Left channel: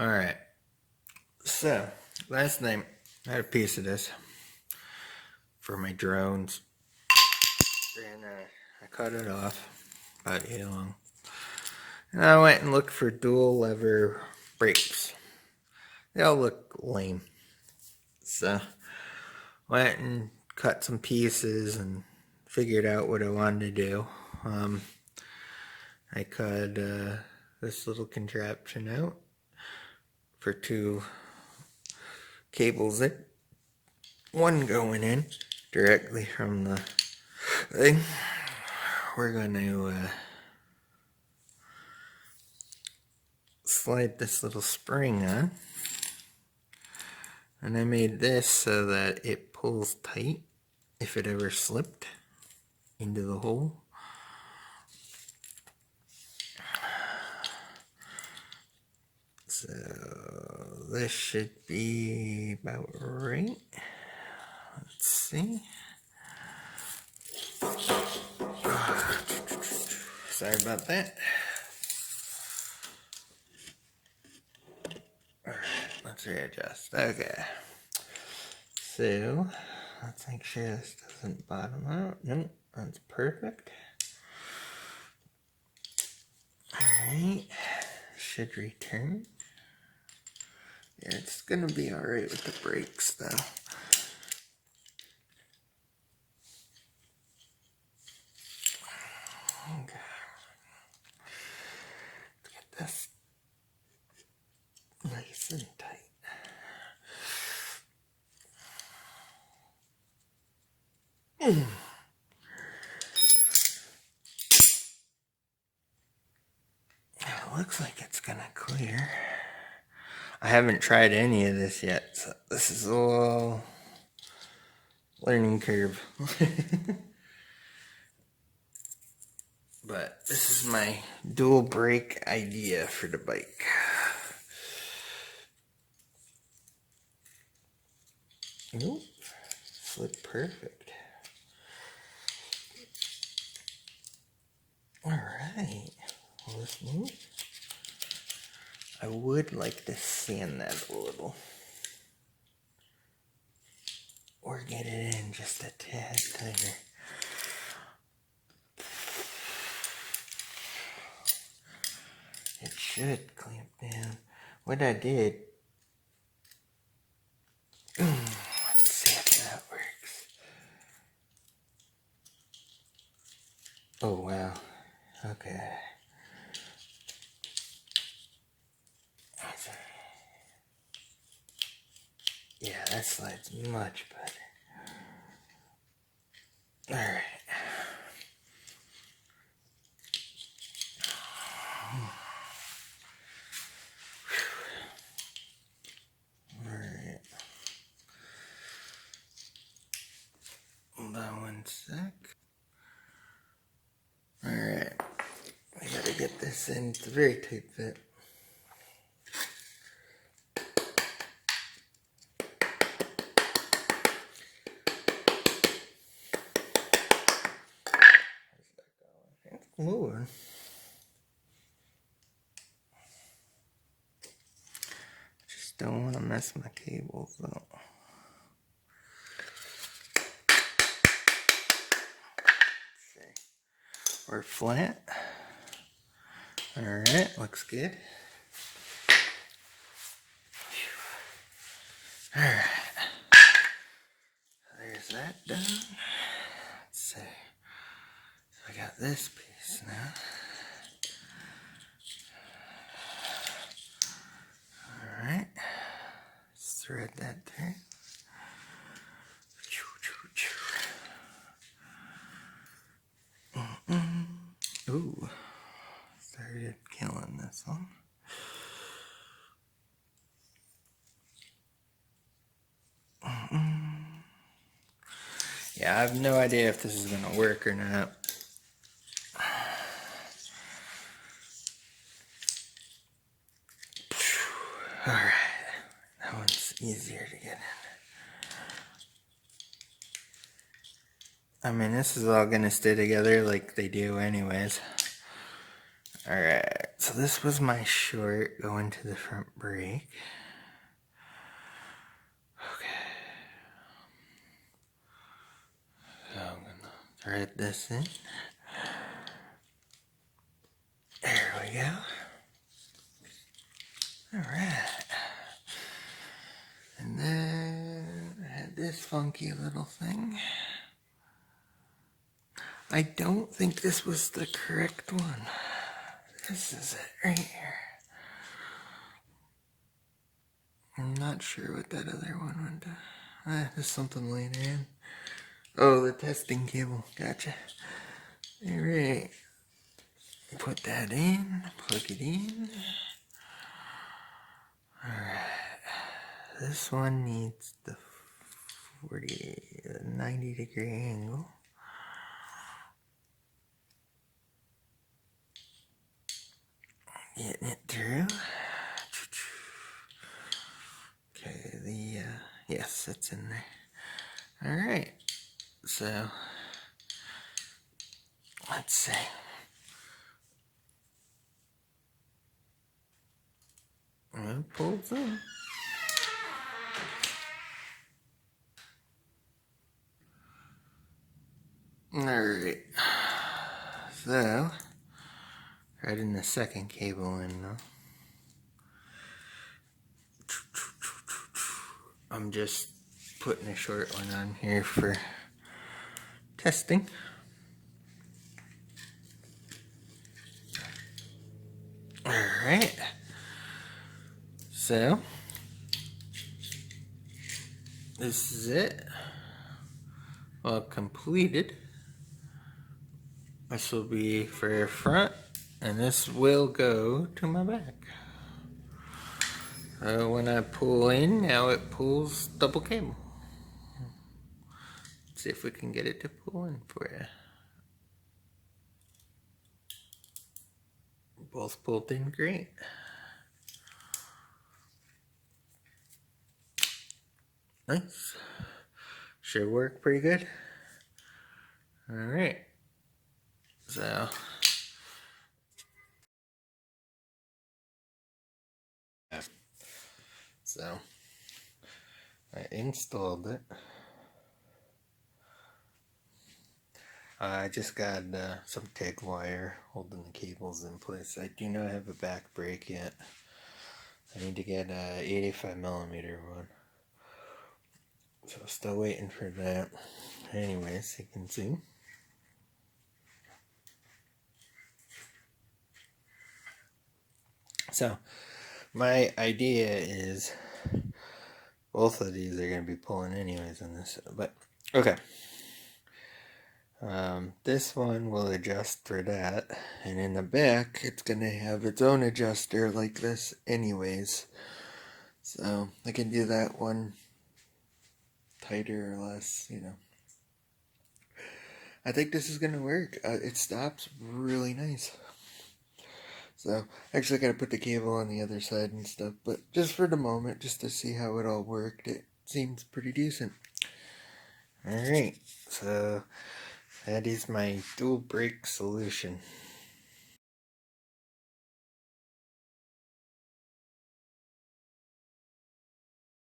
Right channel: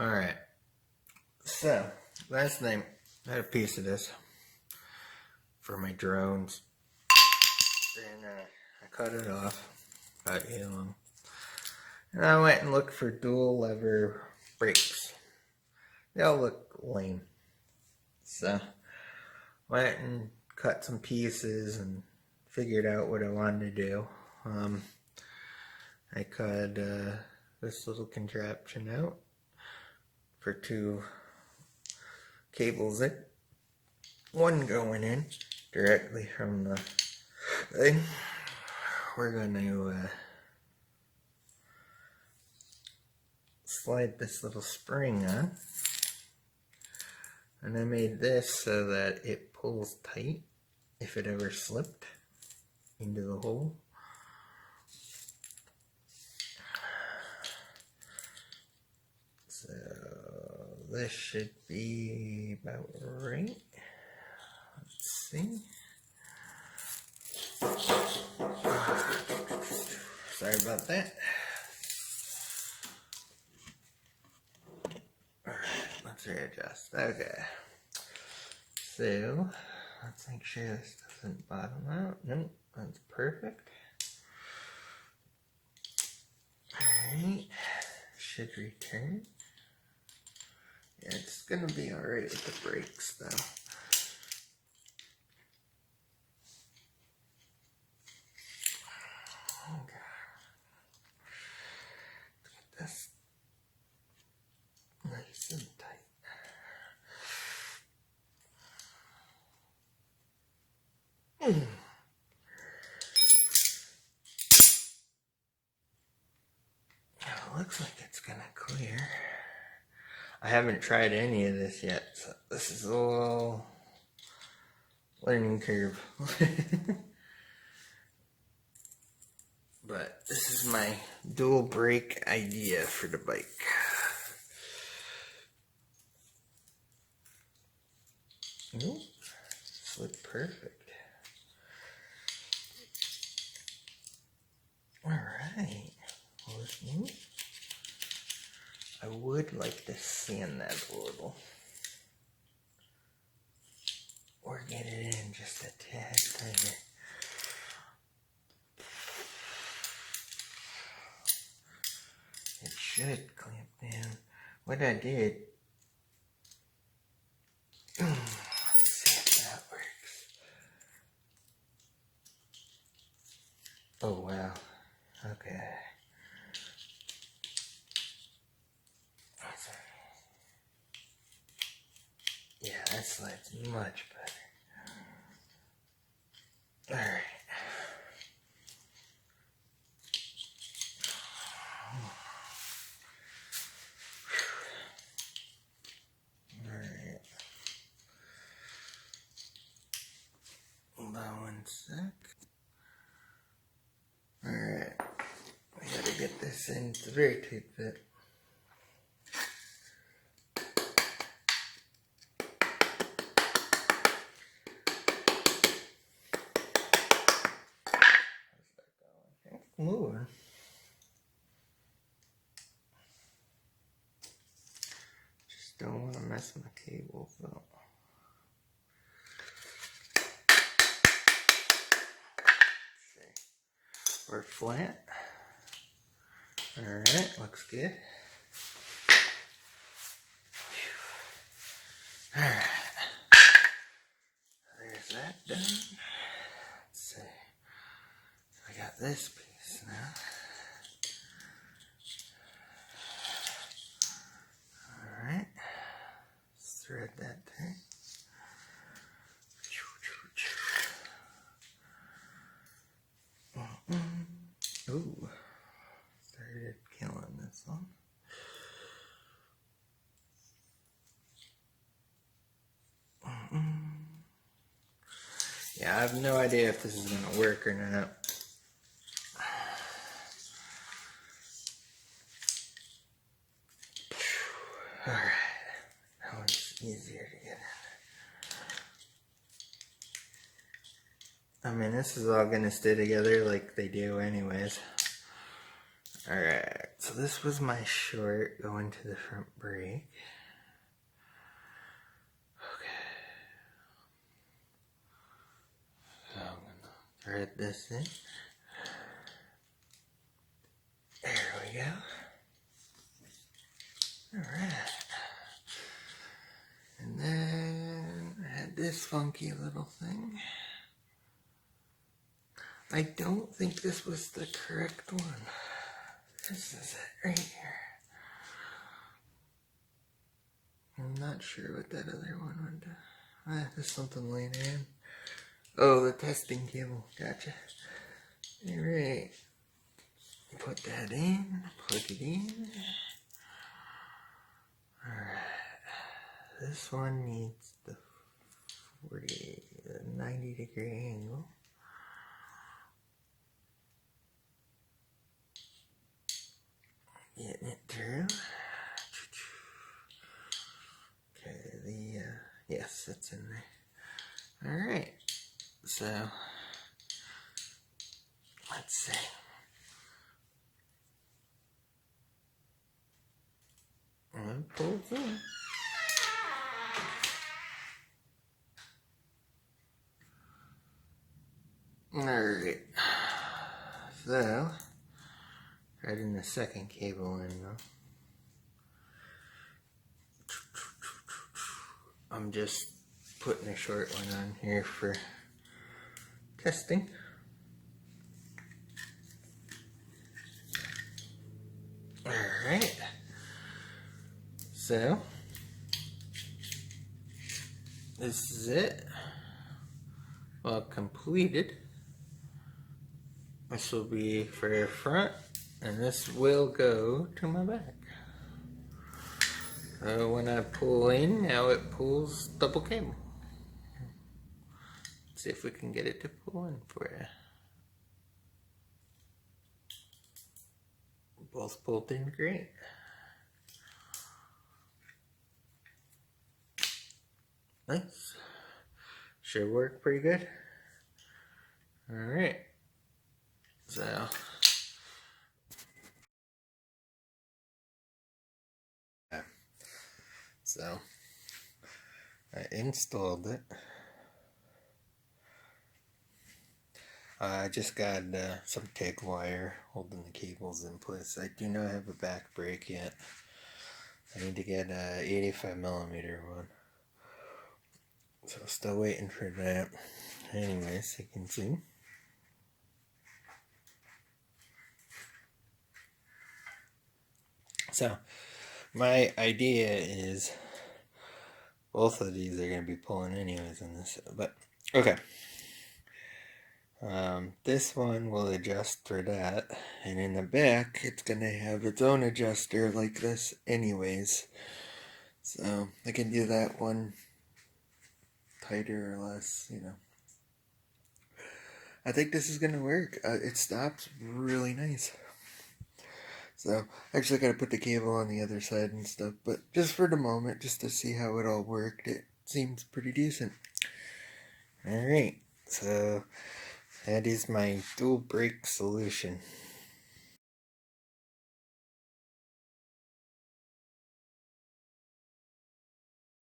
Alright, so last night I had a piece of this for my drones, and I cut it off about 8 long, and I went and looked for dual lever brakes. They all look lame, so went and cut some pieces and figured out what I wanted to do. I cut this little contraption out for 2 cables in. One going in directly from the thing. We're going to slide this little spring on. And I made this so that it pulls tight if it ever slipped into the hole. So this should be about right. Let's see. Sorry about that. Alright, let's readjust. Okay. So, let's make sure this doesn't bottom out. Nope, that's perfect. Alright, should return. Yeah, it's gonna be alright with the brakes though. Okay. Let's get this nice and tight. It looks like it's gonna clear. I haven't tried any of this yet, so this is all learning curve. But this is my dual brake idea for the bike. Ooh, slid perfect. Alright, well, let's move. I would like to sand that a little. Or get it in just a tad tighter. It should clamp down. What I did, let's see if that works. Oh wow, okay. Yeah, that slides much better. Alright. Alright. Hold on one sec. Alright. We gotta get this in. It's a very tight fit. It's moving. Just don't want to mess my cables though. We're flat. Alright, looks good. Alright. There's that done. Let's see. So I got this piece now. Alright. Let's thread that there. Ooh. Started killing this one. Yeah, I have no idea if this is gonna work or not. Alright, that one's easier to get in. I mean, this is all gonna stay together like they do anyways. Alright. So this was my short going to the front brake. Okay. So I'm gonna thread this in. There we go. Alright. And then I had this funky little thing. I don't think this was the correct one. This is it right here. I'm not sure what that other one went to. There's something later in. Oh, the testing cable. Gotcha. Alright. Put that in. Plug it in. Alright. This one needs the 90-degree angle. Getting it through. Okay, yes, it's in there. Alright, so let's see. And it pulls in. Alright, so right in the second cable in now. I'm just putting a short one on here for testing. Alright, so this is it. Well completed. This will be for front, and this will go to my back. When I pull in, now it pulls double cable. Let's see if we can get it to pull in for you. Both pulled in great. Nice. Should work pretty good. Alright. So I installed it. I just got some TIG wire holding the cables in place. I do not have a back brake yet. I need to get a 85mm one. So still waiting for that. Anyways, you can see. So my idea is both of these are going to be pulling anyways in this, but okay. This one will adjust for that, and in the back it's going to have its own adjuster like this anyways. So I can do that one tighter or less, you know. I think this is going to work. It stops really nice. So actually I got to put the cable on the other side and stuff, but just for the moment, just to see how it all worked, it seems pretty decent. Alright, so that is my dual brake solution.